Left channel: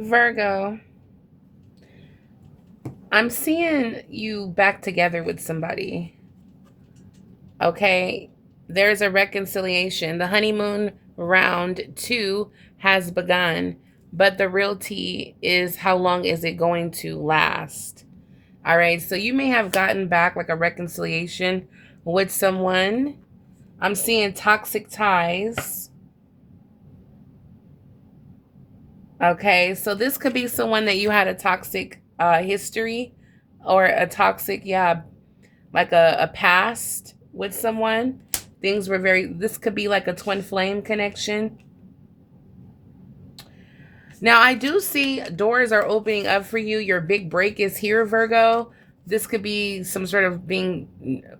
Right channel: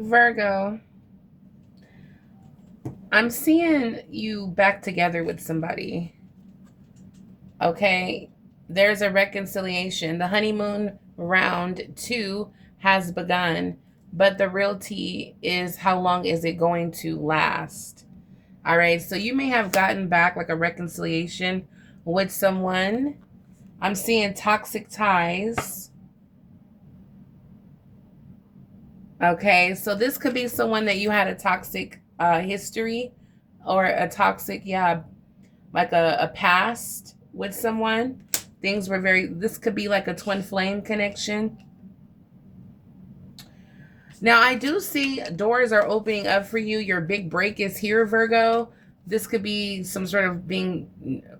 Virgo, I'm seeing you back together with somebody. Okay. There's a reconciliation. The honeymoon round two has begun, but the real tea is how long is it going to last? All right. So you may have gotten back like a reconciliation with someone. I'm seeing toxic ties. Okay. So this could be someone that you had a toxic history or a toxic, yeah, like a past with someone. Things were this could be like a twin flame connection. Now, I do see doors are opening up for you. Your big break is here, Virgo. This could be some sort of being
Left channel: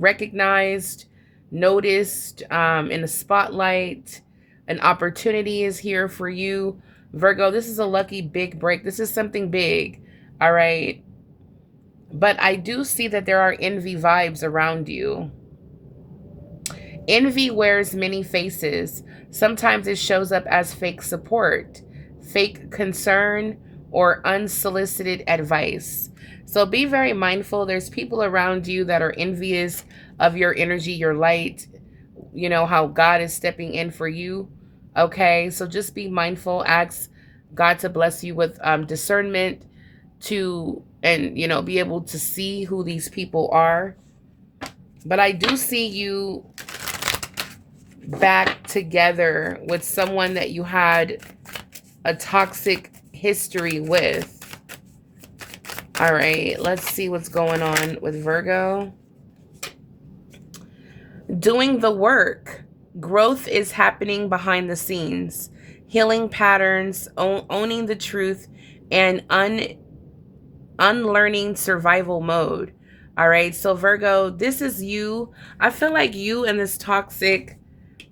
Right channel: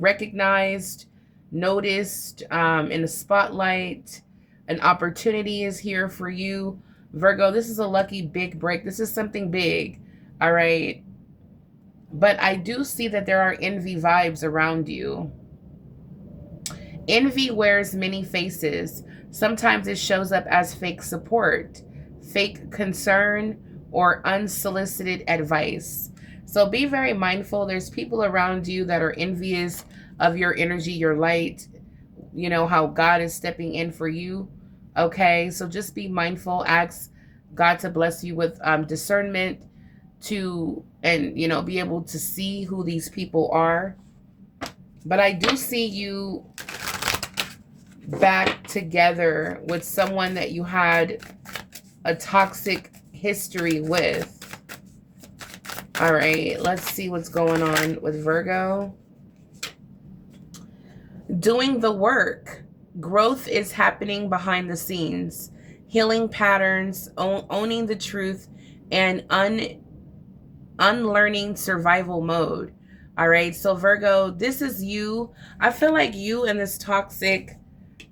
recognized, noticed, in the spotlight. An opportunity is here for you, Virgo. This is a lucky big break. This is something big. All right. But I do see that there are envy vibes around you. Envy wears many faces. Sometimes it shows up as fake support, fake concern, or unsolicited advice. So be very mindful. There's people around you that are envious of your energy, your light, how God is stepping in for you. Okay, so just be mindful. Ask God to bless you with discernment and be able to see who these people are. But I do see you back together with someone that you had a toxic history with. All right, let's see what's going on with Virgo. Doing the work. Growth is happening behind the scenes. Healing patterns, owning the truth, and unlearning survival mode. All right, so Virgo, this is you. I feel like you and this toxic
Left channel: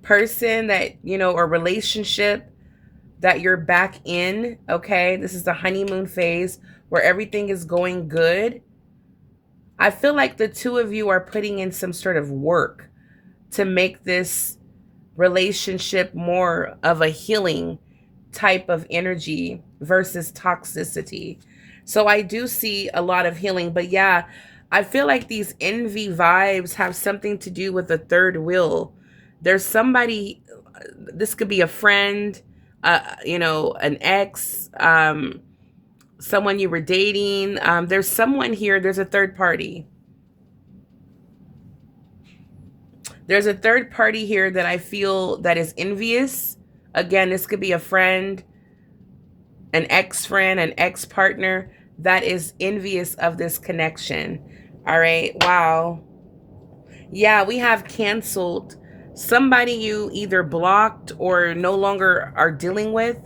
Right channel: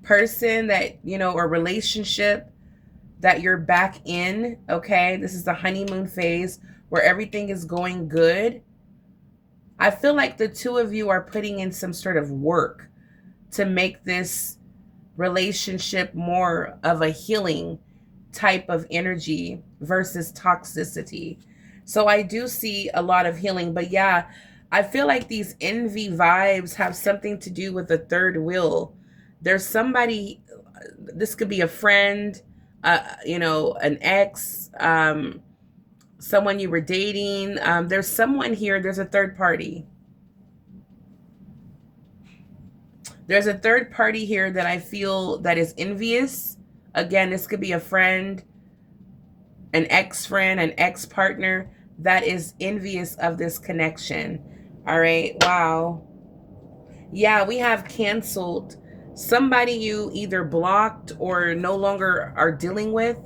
person that, or relationship that you're back in, okay? This is the honeymoon phase where everything is going good. I feel like the two of you are putting in some sort of work to make this relationship more of a healing type of energy versus toxicity. So I do see a lot of healing, but yeah, I feel like these envy vibes have something to do with the third wheel. There's somebody, this could be a friend, an ex, someone you were dating. There's someone here, there's a third party. There's a third party here that I feel that is envious. Again, this could be a friend, an ex-friend, an ex-partner that is envious of this connection. All right. Wow. Yeah, we have canceled. Somebody you either blocked or no longer are dealing with.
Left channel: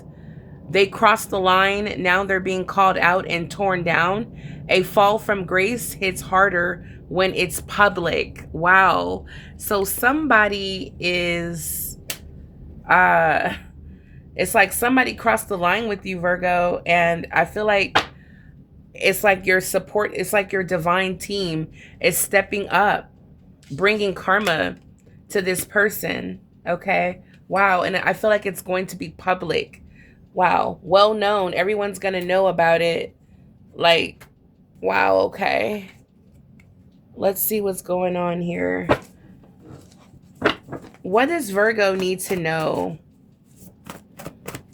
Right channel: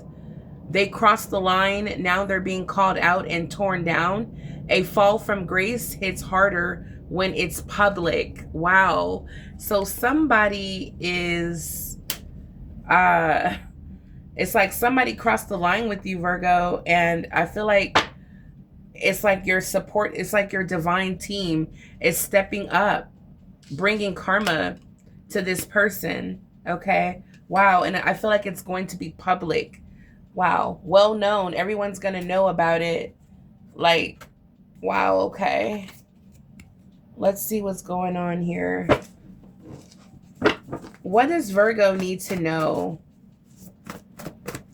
They crossed the line. Now they're being called out and torn down. A fall from grace hits harder when it's public. Wow. So somebody is, it's like somebody crossed the line with you, Virgo. And I feel like it's like your support, it's like your divine team is stepping up, bringing karma to this person. Okay. Wow. And I feel like it's going to be public. Wow. Well known. Everyone's going to know about it. Like, wow. Okay. Let's see what's going on here. What does Virgo need to know?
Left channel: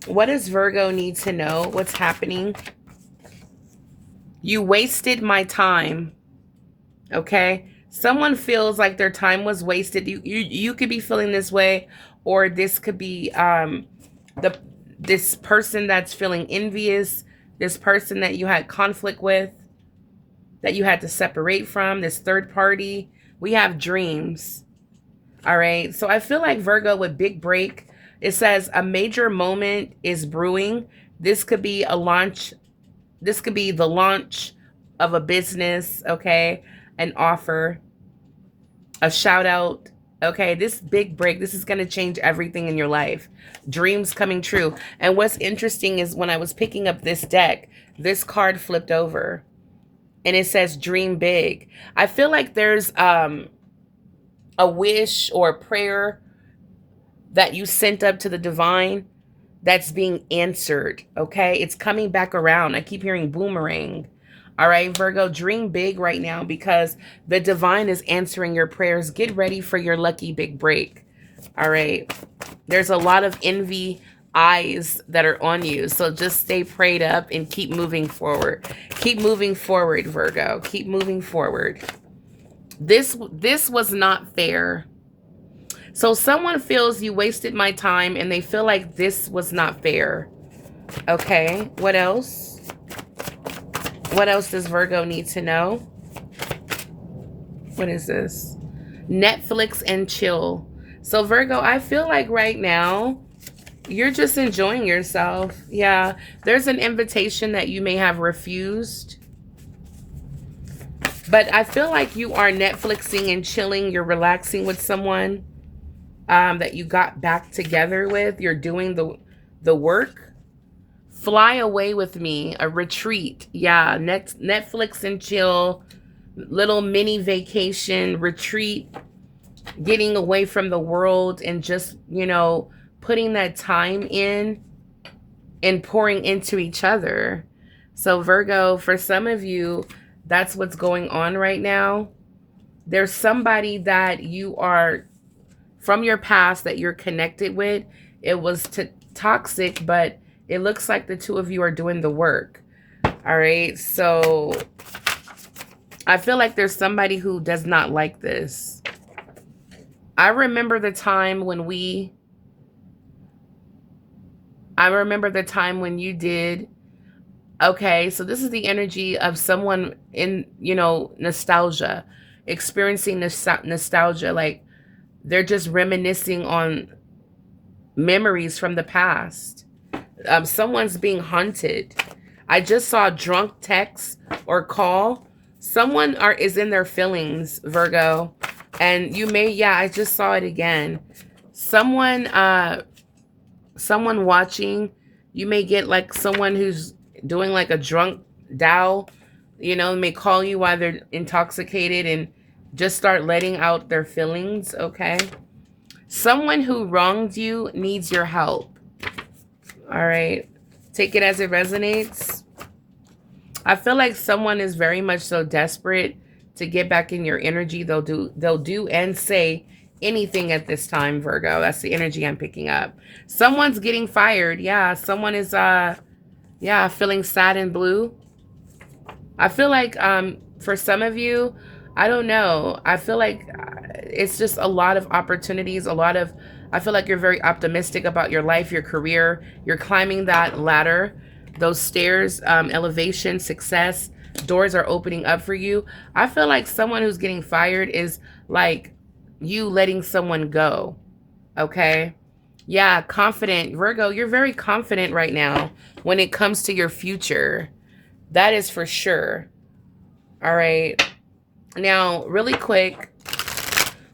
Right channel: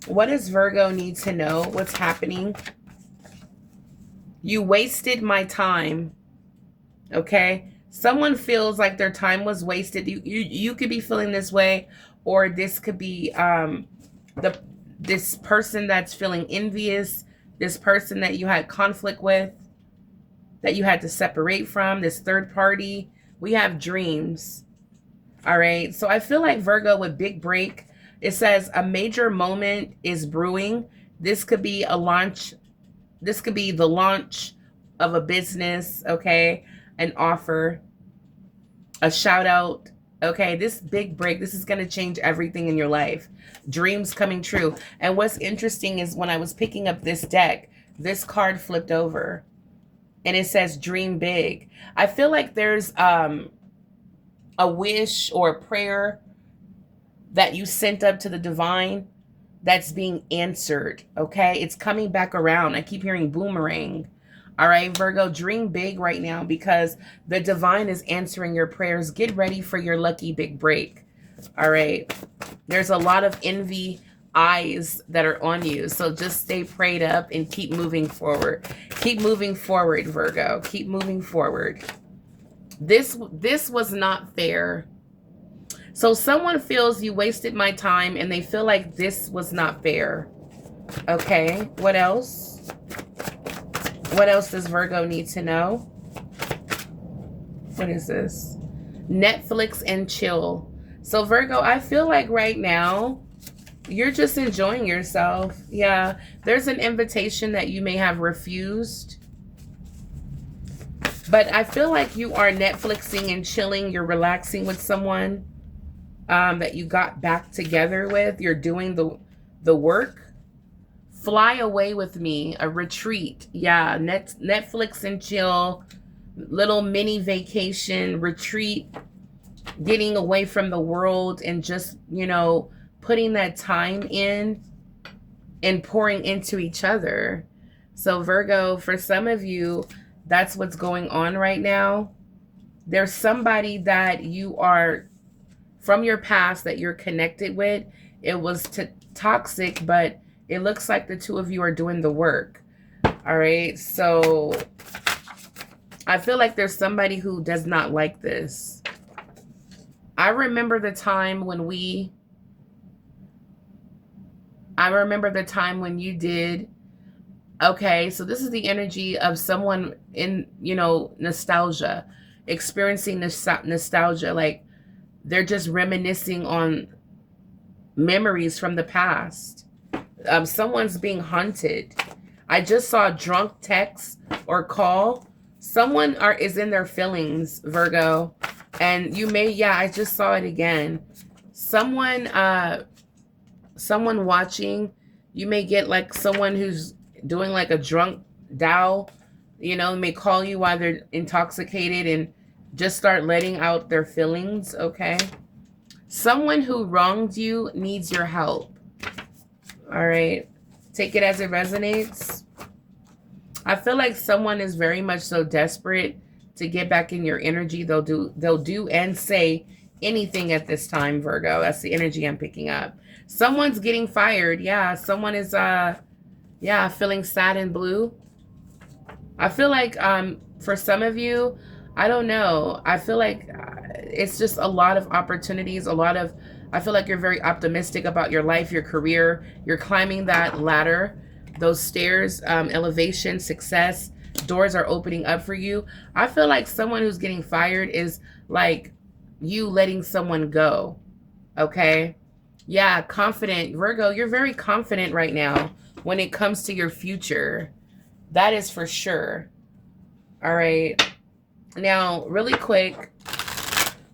What does Virgo need to know? What's happening? You wasted my time. Okay. Someone feels like their time was wasted. You could be feeling this way, or this could be this person that's feeling envious, this person that you had conflict with, that you had to separate from, this third party. We have dreams. All right. So I feel like Virgo with big break, it says a major moment is brewing. This could be a launch. This could be the launch of a business. Okay. An offer, a shout out. Okay. This big break, this is going to change everything in your life. Dreams coming true. And what's interesting is when I was picking up this deck, this card flipped over and it says dream big. I feel like there's a wish or a prayer that you sent up to the divine that's being answered, okay? It's coming back around. I keep hearing boomerang. All right, Virgo, dream big right now because the divine is answering your prayers. Get ready for your lucky big break. All right. There's a lot of envy eyes that are on you. So just stay prayed up and keep moving forward. Keep moving forward, Virgo. Keep moving forward. This was not fair. So someone feels you wasted my time and they feel like this was not fair. Okay, what else? What else does Virgo need to know? What is this? Netflix and chill. So Virgo, I feel like right now, you're just enjoying yourself. Yeah, there's an invitation that you may have refused. But I feel like you are Netflixing and chilling. You're relaxing with someone that you got back together with. You're doing the work. Fly away with me, a retreat. Yeah, Netflix and chill, little mini vacation, retreat, getting away from the world and just, you know, putting that time in and pouring into each other. So Virgo, for some of you, that's what's going on right now. There's somebody that you are from your past that you're connected with. It was toxic, but it looks like the two of you are doing the work. All right. So I feel like there's somebody who does not like this. I remember the time when you did. Okay. So this is the energy of someone in, you know, nostalgia, experiencing nostalgia. Like they're just reminiscing on memories from the past. Someone's being hunted. I just saw drunk text or call. Someone is in their feelings, Virgo. And you may, yeah, I just saw it again. Someone watching, you may get like someone who's doing like a drunk dial, you know, may call you while they're intoxicated and just start letting out their feelings, okay? Someone who wronged you needs your help. All right. Take it as it resonates. I feel like someone is very much so desperate to get back in your energy. They'll do and say anything at this time, Virgo. That's the energy I'm picking up. Someone's getting fired. Yeah, someone is feeling sad and blue. I feel like for some of you, I don't know. I feel like it's just a lot of opportunities, I feel like you're very optimistic about your life, your career. You're climbing that ladder, those stairs, elevation, success. Doors are opening up for you. I feel like someone who's getting fired is like you letting someone go. Okay? Yeah, confident. Virgo, you're very confident right now when it comes to your future. That is for sure. All right. Now, really quick,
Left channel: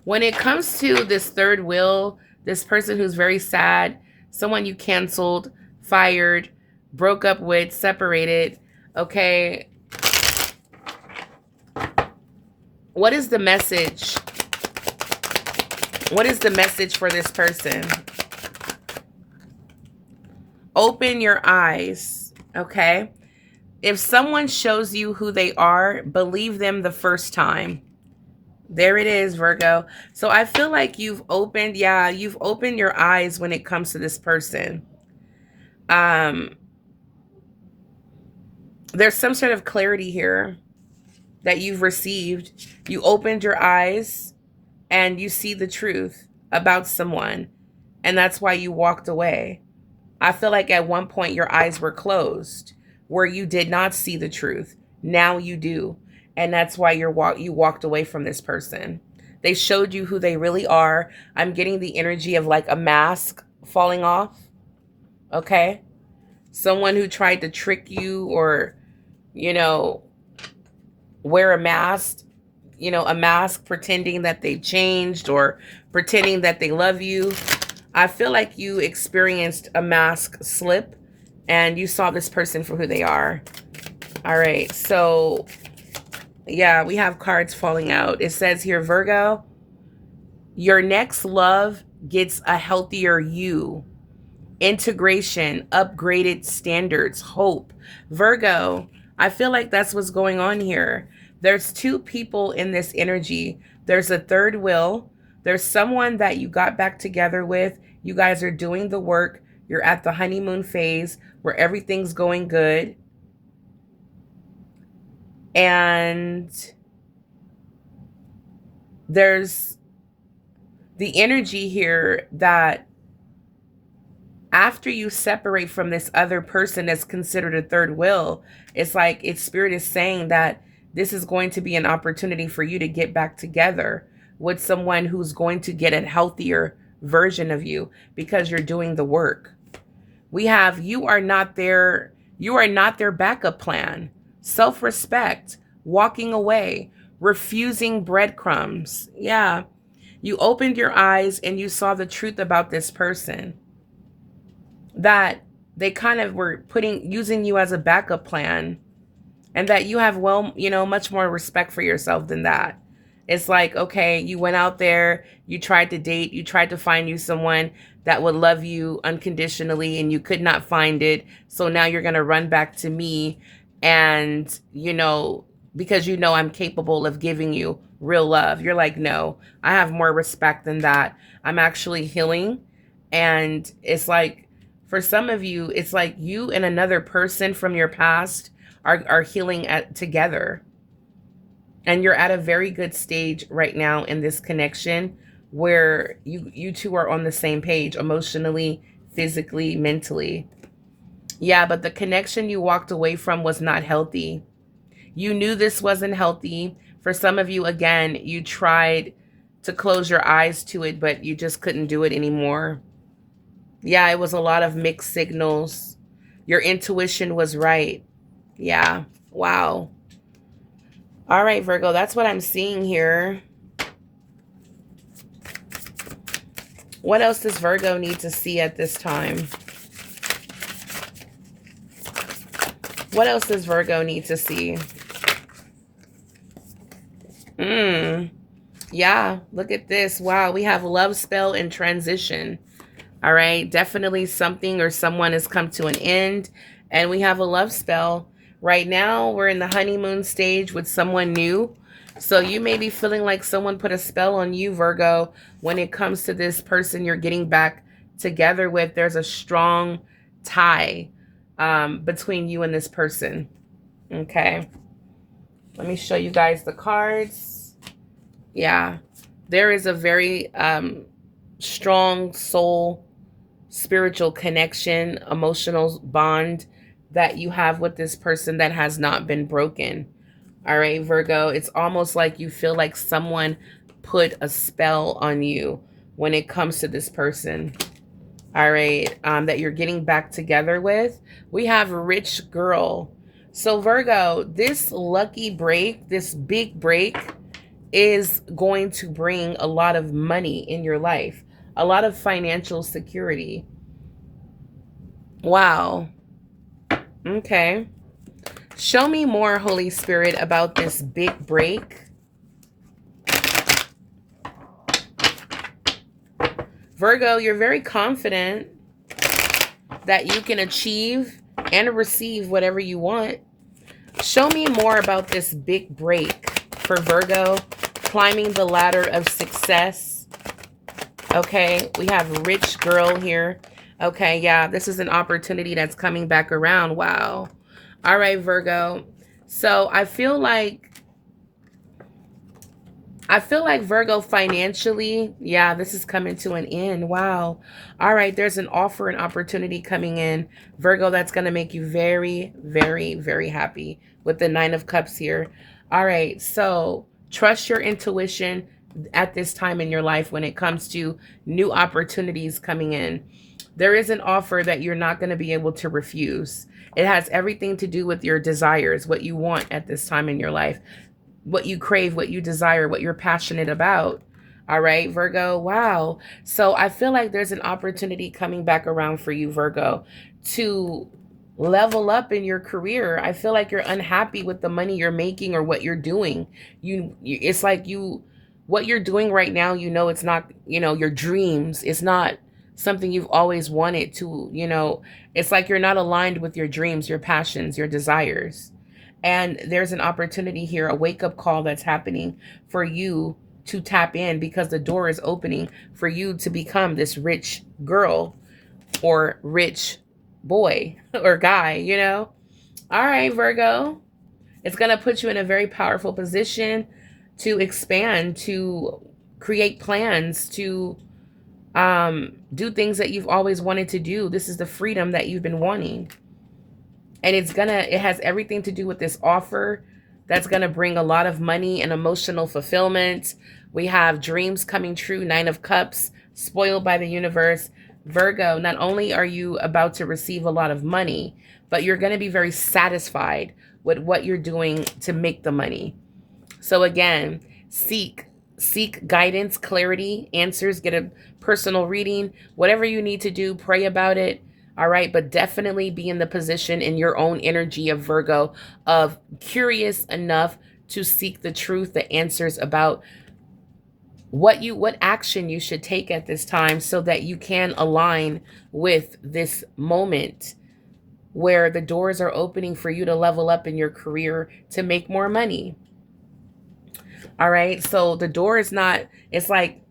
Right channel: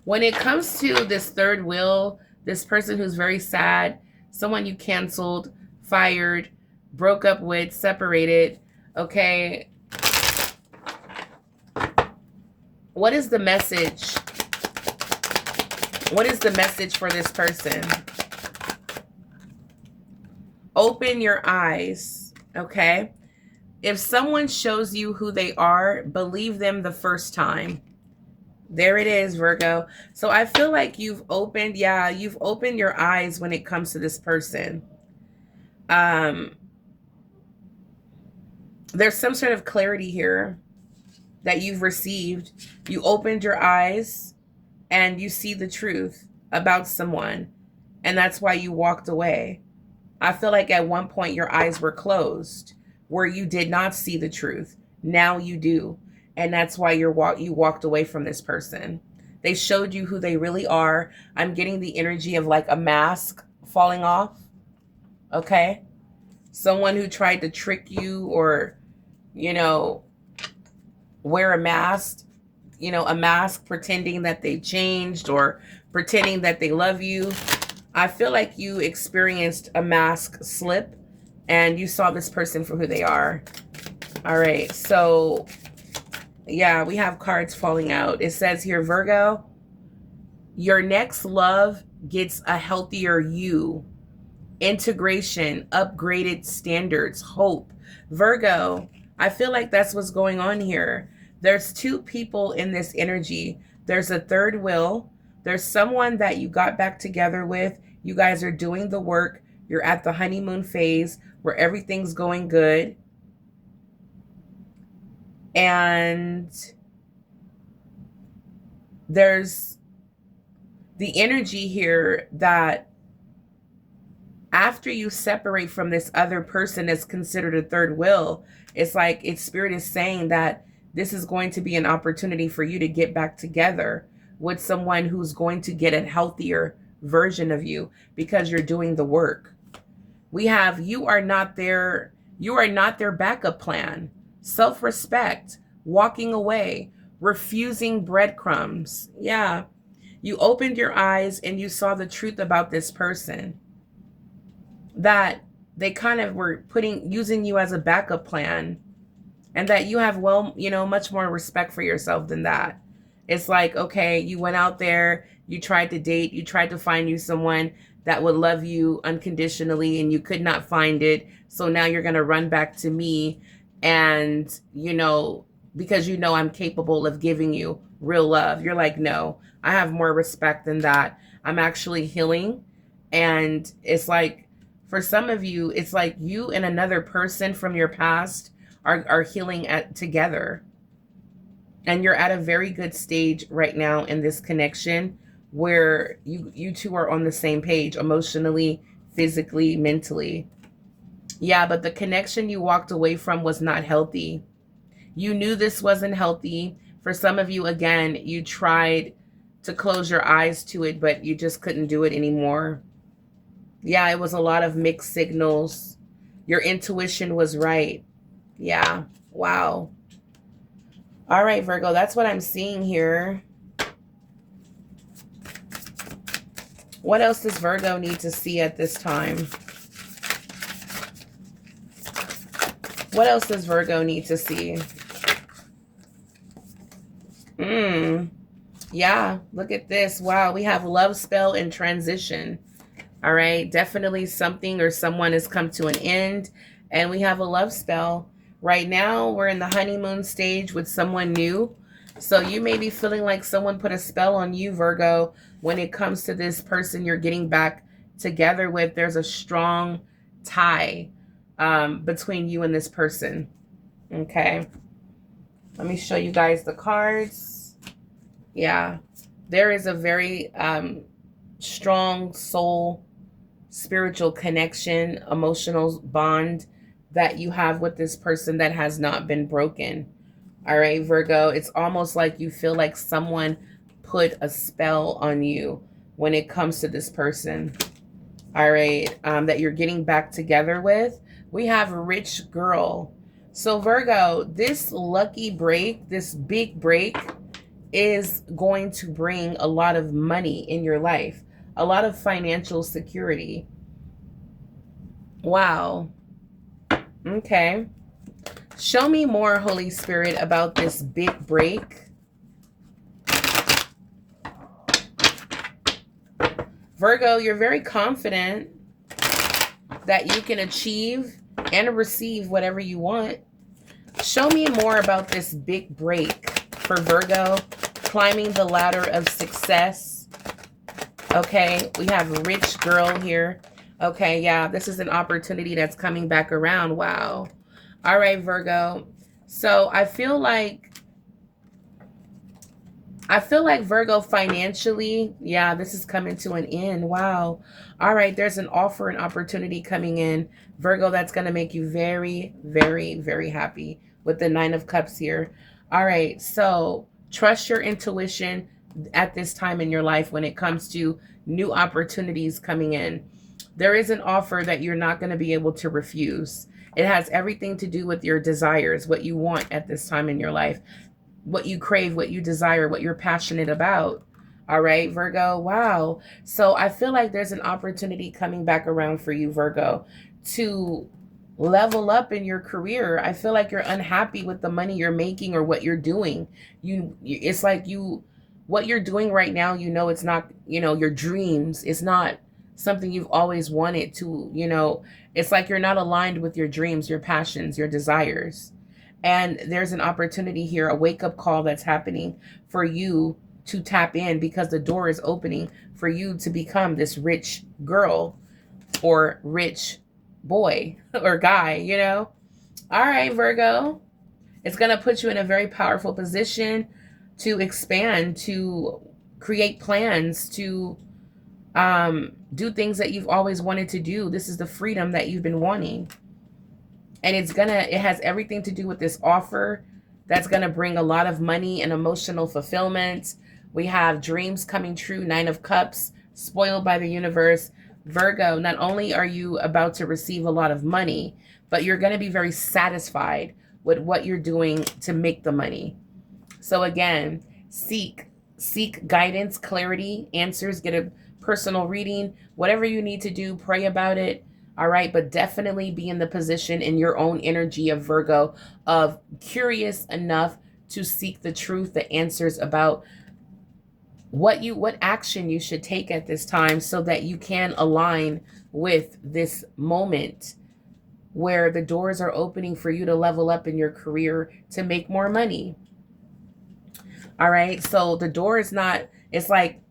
when it comes to this third wheel, this person who's very sad, someone you canceled, fired, broke up with, separated, okay? What is the message? What is the message for this person? Open your eyes, okay? If someone shows you who they are, believe them the first time. There it is, Virgo. So I feel like you've opened your eyes when it comes to this person. There's some sort of clarity here that you've received. You opened your eyes and you see the truth about someone. And that's why you walked away. I feel like at one point your eyes were closed where you did not see the truth. Now you do. And that's why you walked away from this person. They showed you who they really are. I'm getting the energy of like a mask falling off. Okay? Someone who tried to trick you or, you know, wear a mask. You know, a mask pretending that they changed or pretending that they love you. I feel like you experienced a mask slip and you saw this person for who they are. All right. So, yeah, we have cards falling out. It says here, Virgo, your next love gets a healthier you. integration, upgraded standards, hope. Virgo, I feel like that's what's going on here. There's two people in this energy. There's a third wheel. There's someone that you got back together with. You guys are doing the work. You're at the honeymoon phase where everything's going good. And there's the energy here that after you separate from this other person that's considered a third wheel, it's like its spirit is saying that this is going to be an opportunity for you to get back together with someone who's going to get a healthier version of you because you're doing the work. We have you are not their backup plan. Self-respect, walking away, refusing breadcrumbs. Yeah. You opened your eyes and you saw the truth about this person. That they kind of were using you as a backup plan, and that you have, well, much more respect for yourself than that. It's like, okay, you went out there, you tried to date, you tried to find you someone that would love you unconditionally, and you could not find it. So now you're going to run back to me, and, because I'm capable of giving you real love. You're like, no, I have more respect than that. I'm actually healing. And it's like, for some of you, it's like you and another person from your past are healing together. And you're at a very good stage right now in this connection where you two are on the same page emotionally, physically, mentally. Yeah, but the connection you walked away from was not healthy. You knew this wasn't healthy. For some of you, again, you tried to close your eyes to it, but you just couldn't do it anymore. Yeah, it was a lot of mixed signals. Your intuition was right. Yeah, wow. All right, Virgo, that's what I'm seeing here. What else does Virgo need to see at this time? What else does Virgo need to see? Yeah, look at this. Wow, we have love spell and transition. All right, definitely something or someone has come to an end. And we have a love spell. Right now, we're in the honeymoon stage with someone new. So you may be feeling like someone put a spell on you, Virgo, when it comes to this person you're getting back together with. There's a strong tie between you and this person. Okay. Let me show you guys the cards. Yeah. There is a very strong soul, spiritual connection, emotional bond that you have with this person that has not been broken. All right, Virgo, it's almost like you feel like someone put a spell on you when it comes to this person. All right, that you're getting back together with. We have rich girl. So Virgo, this lucky break, this big break is going to bring a lot of money in your life, a lot of financial security. Wow. Okay. Show me more, Holy Spirit, about this big break. Virgo, you're very confident that you can achieve and receive whatever you want. Show me more about this big break for Virgo, climbing the ladder of success. Okay, we have rich girl here. Okay, yeah, this is an opportunity that's coming back around. Wow. All right, Virgo. So I feel like Virgo financially, yeah, this is coming to an end. Wow. All right, there's an offer, an opportunity coming in, Virgo, that's going to make you very, very, very happy with the 9 of Cups here. All right, so trust your intuition at this time in your life when it comes to new opportunities coming in. There is an offer that you're not going to be able to refuse. It has everything to do with your desires, what you want at this time in your life, what you crave, what you desire, what you're passionate about. All right, Virgo. Wow. So I feel like there's an opportunity coming back around for you, Virgo, to level up in your career. I feel like you're unhappy with the money you're making or what you're doing. It's like what you're doing right now, it's not, your dreams. It's not something you've always wanted to, it's like you're not aligned with your dreams, your passions, your desires. And there's an opportunity here, a wake up call that's happening for you to tap in, because the door is opening for you to become this rich girl or rich boy or guy. All right, Virgo. It's going to put you in a very powerful position to expand, to create plans, to do things that you've always wanted to do. This is the freedom that you've been wanting. And it has everything to do with this offer that's going to bring a lot of money and emotional fulfillment. We have dreams coming true, 9 of Cups, spoiled by the universe. Virgo, not only are you about to receive a lot of money, but you're going to be very satisfied with what you're doing to make the money. So again, seek guidance, clarity, answers, get a personal reading, whatever you need to do, pray about it. All right. But definitely be in the position in your own energy of Virgo of curious enough to seek the truth, the answers about what action you should take at this time, so that you can align with this moment where the doors are opening for you to level up in your career to make more money. All right. So the door is not, it's like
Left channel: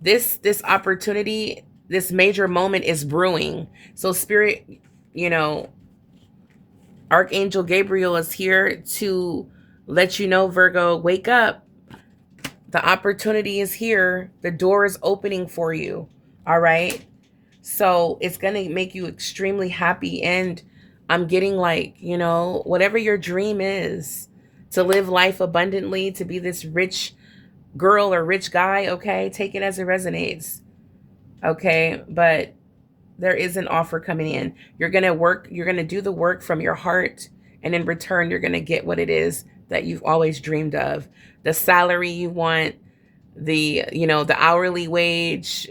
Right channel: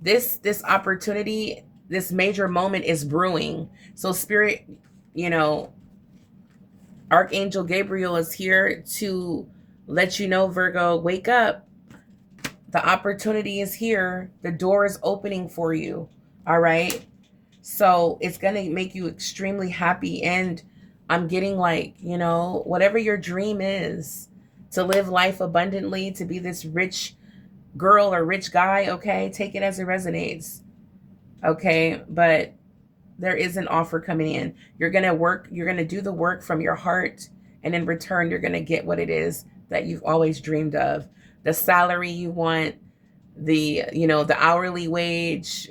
this opportunity, this major moment is brewing. So Spirit, Archangel Gabriel is here to let you know, Virgo, wake up. The opportunity is here. The door is opening for you. All right. So it's going to make you extremely happy. And I'm getting like, whatever your dream is, to live life abundantly, to be this rich girl or rich guy, okay? Take it as it resonates, okay? But there is an offer coming in. You're going to do the work from your heart, and in return, you're going to get what it is that you've always dreamed of. The salary you want, the hourly wage,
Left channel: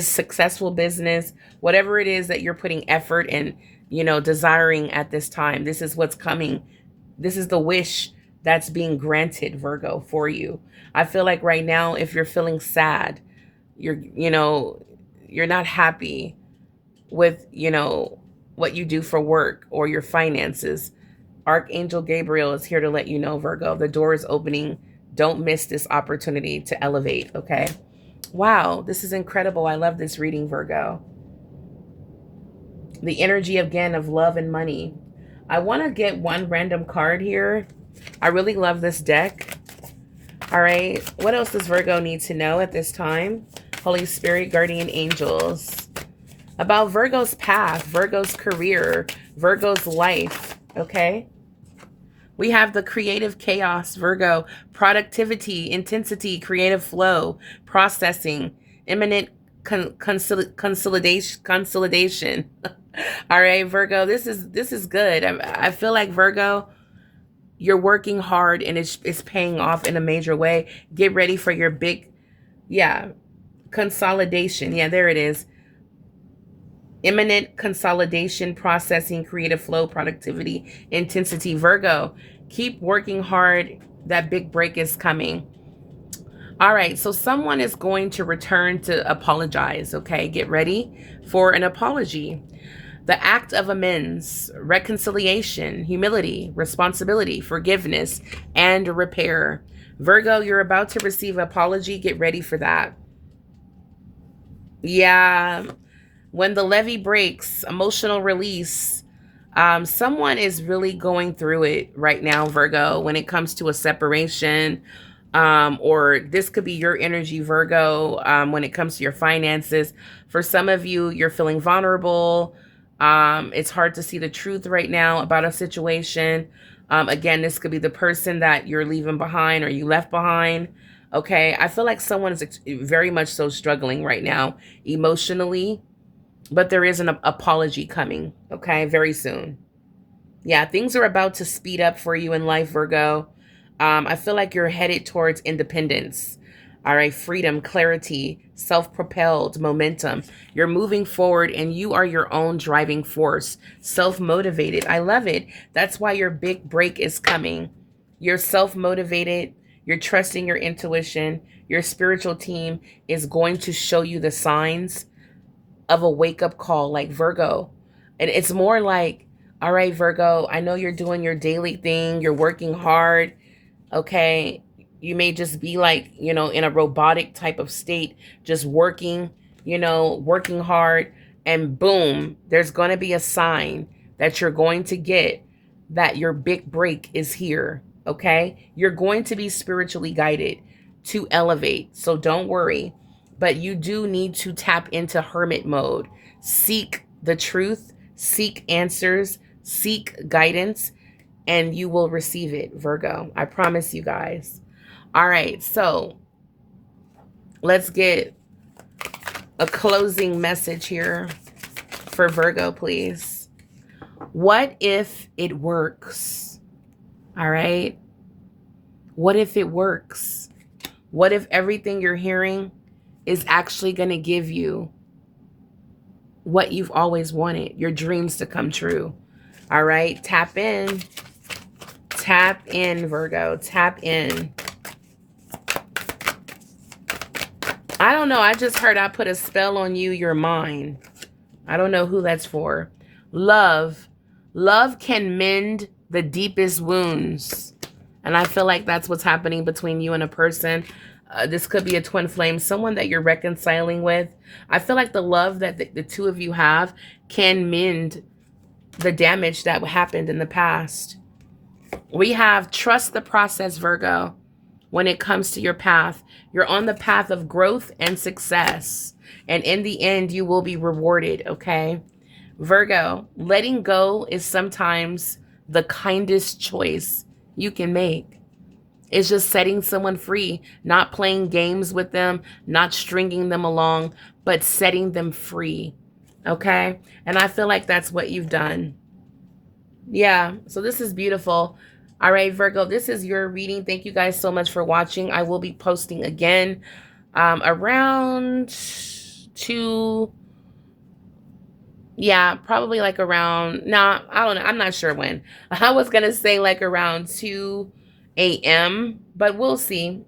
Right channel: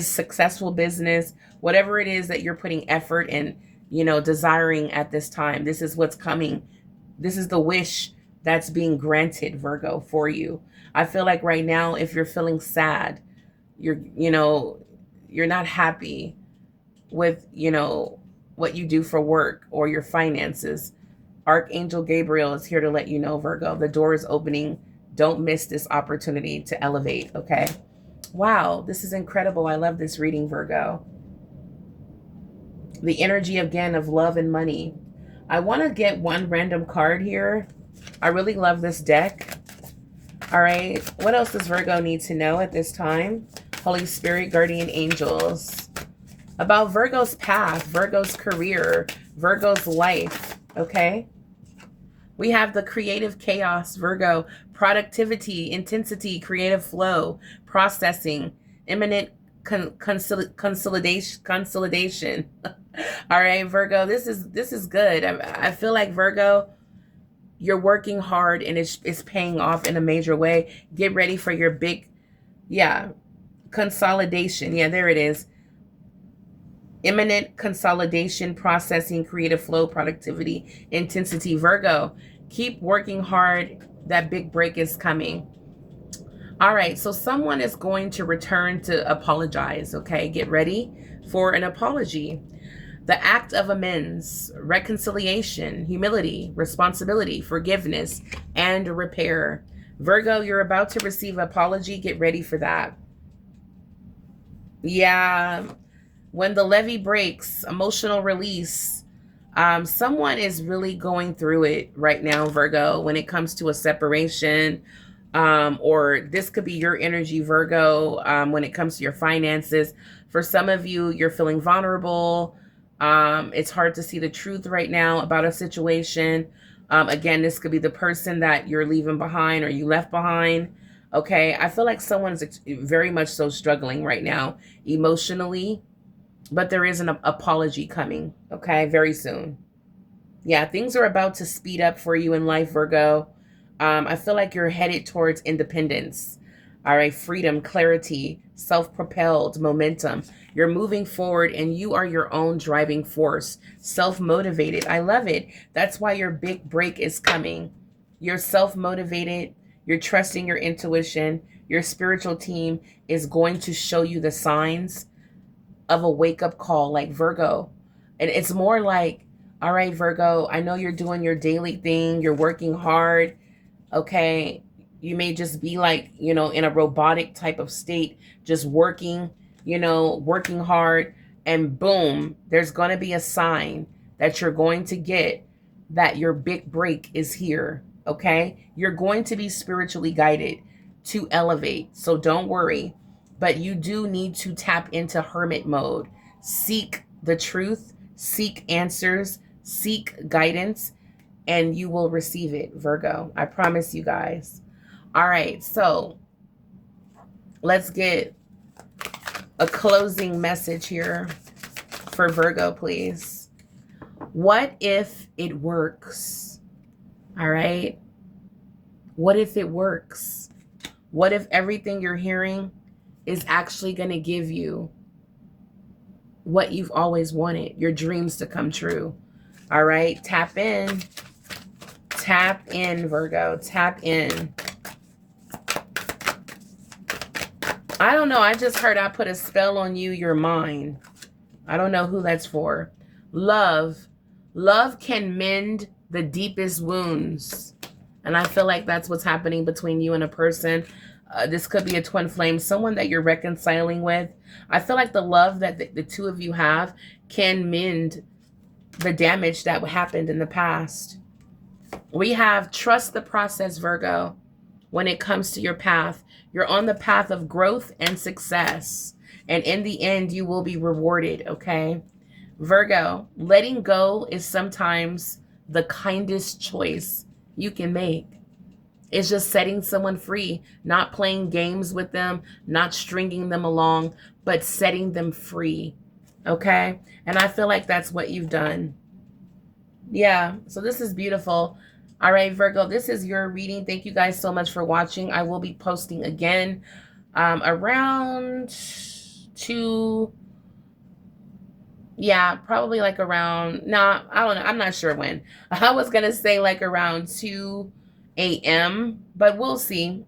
successful business, whatever it is that you're putting effort and, desiring at this time. This is what's coming. This is the wish that's being granted, Virgo, for you. I feel like right now, if you're feeling sad, you're not happy with, what you do for work or your finances, Archangel Gabriel is here to let you know, Virgo, the door is opening. Don't miss this opportunity to elevate, okay? Wow, this is incredible. I love this reading, Virgo. The energy, again, of love and money. I want to get one random card here. I really love this deck. All right. What else does Virgo need to know at this time? Holy Spirit, guardian angels. About Virgo's path, Virgo's career, Virgo's life, okay? We have the creative chaos, Virgo, productivity, intensity, creative flow, processing, imminent consolidation. All right, Virgo, this is good. I feel like, Virgo, you're working hard and it's paying off in a major way. Get ready for your big, consolidation. Yeah, there it is. Imminent consolidation, processing, creative flow, productivity, intensity. Virgo, keep working hard. That big break is coming. All right, so someone is going to return to apologize, okay? Get ready for an apology. The act of amends, reconciliation, humility, responsibility, forgiveness, and repair. Virgo, you're about to receive an apology. Get ready for that. Yeah. When the levee breaks, emotional release. Someone is really going through it right now, Virgo, when it comes to a separation. Or this could be your energy, Virgo, when it comes to your finances. For some of you, you're feeling vulnerable. It's hard to see the truth right now about a situation. Again, this could be the person that you're leaving behind or you left behind. Okay, I feel like someone is very much so struggling right now emotionally, but there is an apology coming, okay, very soon. Yeah, things are about to speed up for you in life, Virgo. I feel like you're headed towards independence. All right, freedom, clarity, self-propelled momentum. You're moving forward and you are your own driving force, self-motivated. I love it. That's why your big break is coming. You're self-motivated. You're trusting your intuition. Your spiritual team is going to show you the signs of a wake-up call, like Virgo. And it's more like, all right, Virgo, I know you're doing your daily thing, you're working hard, okay? You may just be like, in a robotic type of state, just working, working hard, and boom, there's going to be a sign that you're going to get that your big break is here, okay? You're going to be spiritually guided to elevate, so don't worry. But you do need to tap into hermit mode. Seek the truth, seek answers, seek guidance, and you will receive it, Virgo. I promise you guys. All right, so let's get a closing message here for Virgo, please. What if it works? All right. What if it works? What if everything you're hearing is actually going to give you what you've always wanted, your dreams to come true? All right. Tap in. Tap in, Virgo. Tap in. I don't know. I just heard I put a spell on you. You're mine. I don't know who that's for. Love. Love can mend the deepest wounds. And I feel like that's what's happening between you and a person. This could be a twin flame, someone that you're reconciling with. I feel like the love that the two of you have can mend the damage that happened in the past. We have trust the process, Virgo. When it comes to your path, you're on the path of growth and success. And in the end, you will be rewarded, okay? Virgo, letting go is sometimes the kindest choice you can make. It's just setting someone free, not playing games with them, not stringing them along, but setting them free, okay? And I feel like that's what you've done. Yeah, so this is beautiful. All right, Virgo, this is your reading. Thank you guys so much for watching. I will be posting again around 2, yeah, probably like around, I don't know. I'm not sure when. I was going to say like around 2 a.m., but we'll see.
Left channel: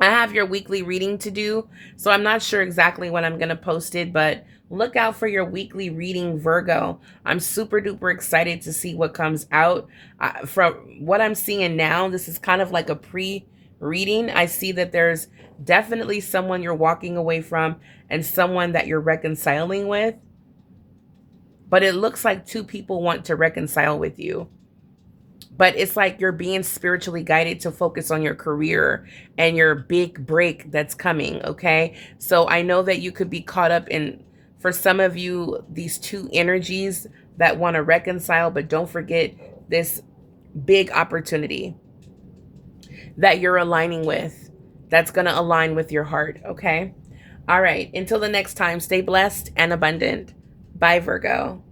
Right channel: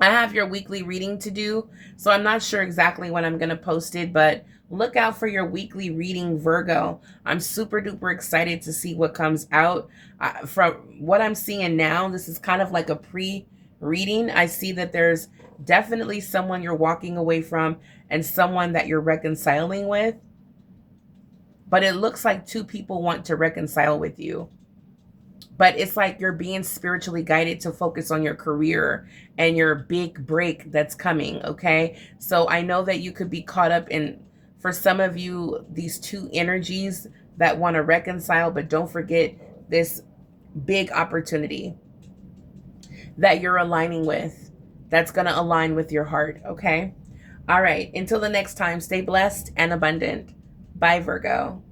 I have your weekly reading to do, so I'm not sure exactly when I'm going to post it, but look out for your weekly reading, Virgo. I'm super duper excited to see what comes out. From what I'm seeing now, this is kind of like a pre-reading. I see that there's definitely someone you're walking away from and someone that you're reconciling with. But it looks like 2 people want to reconcile with you. But it's like you're being spiritually guided to focus on your career and your big break that's coming, okay? So I know that you could be caught up in, for some of you, these 2 energies that want to reconcile, but don't forget this big opportunity that you're aligning with, that's going to align with your heart, okay? All right, until the next time, stay blessed and abundant. Bye, Virgo.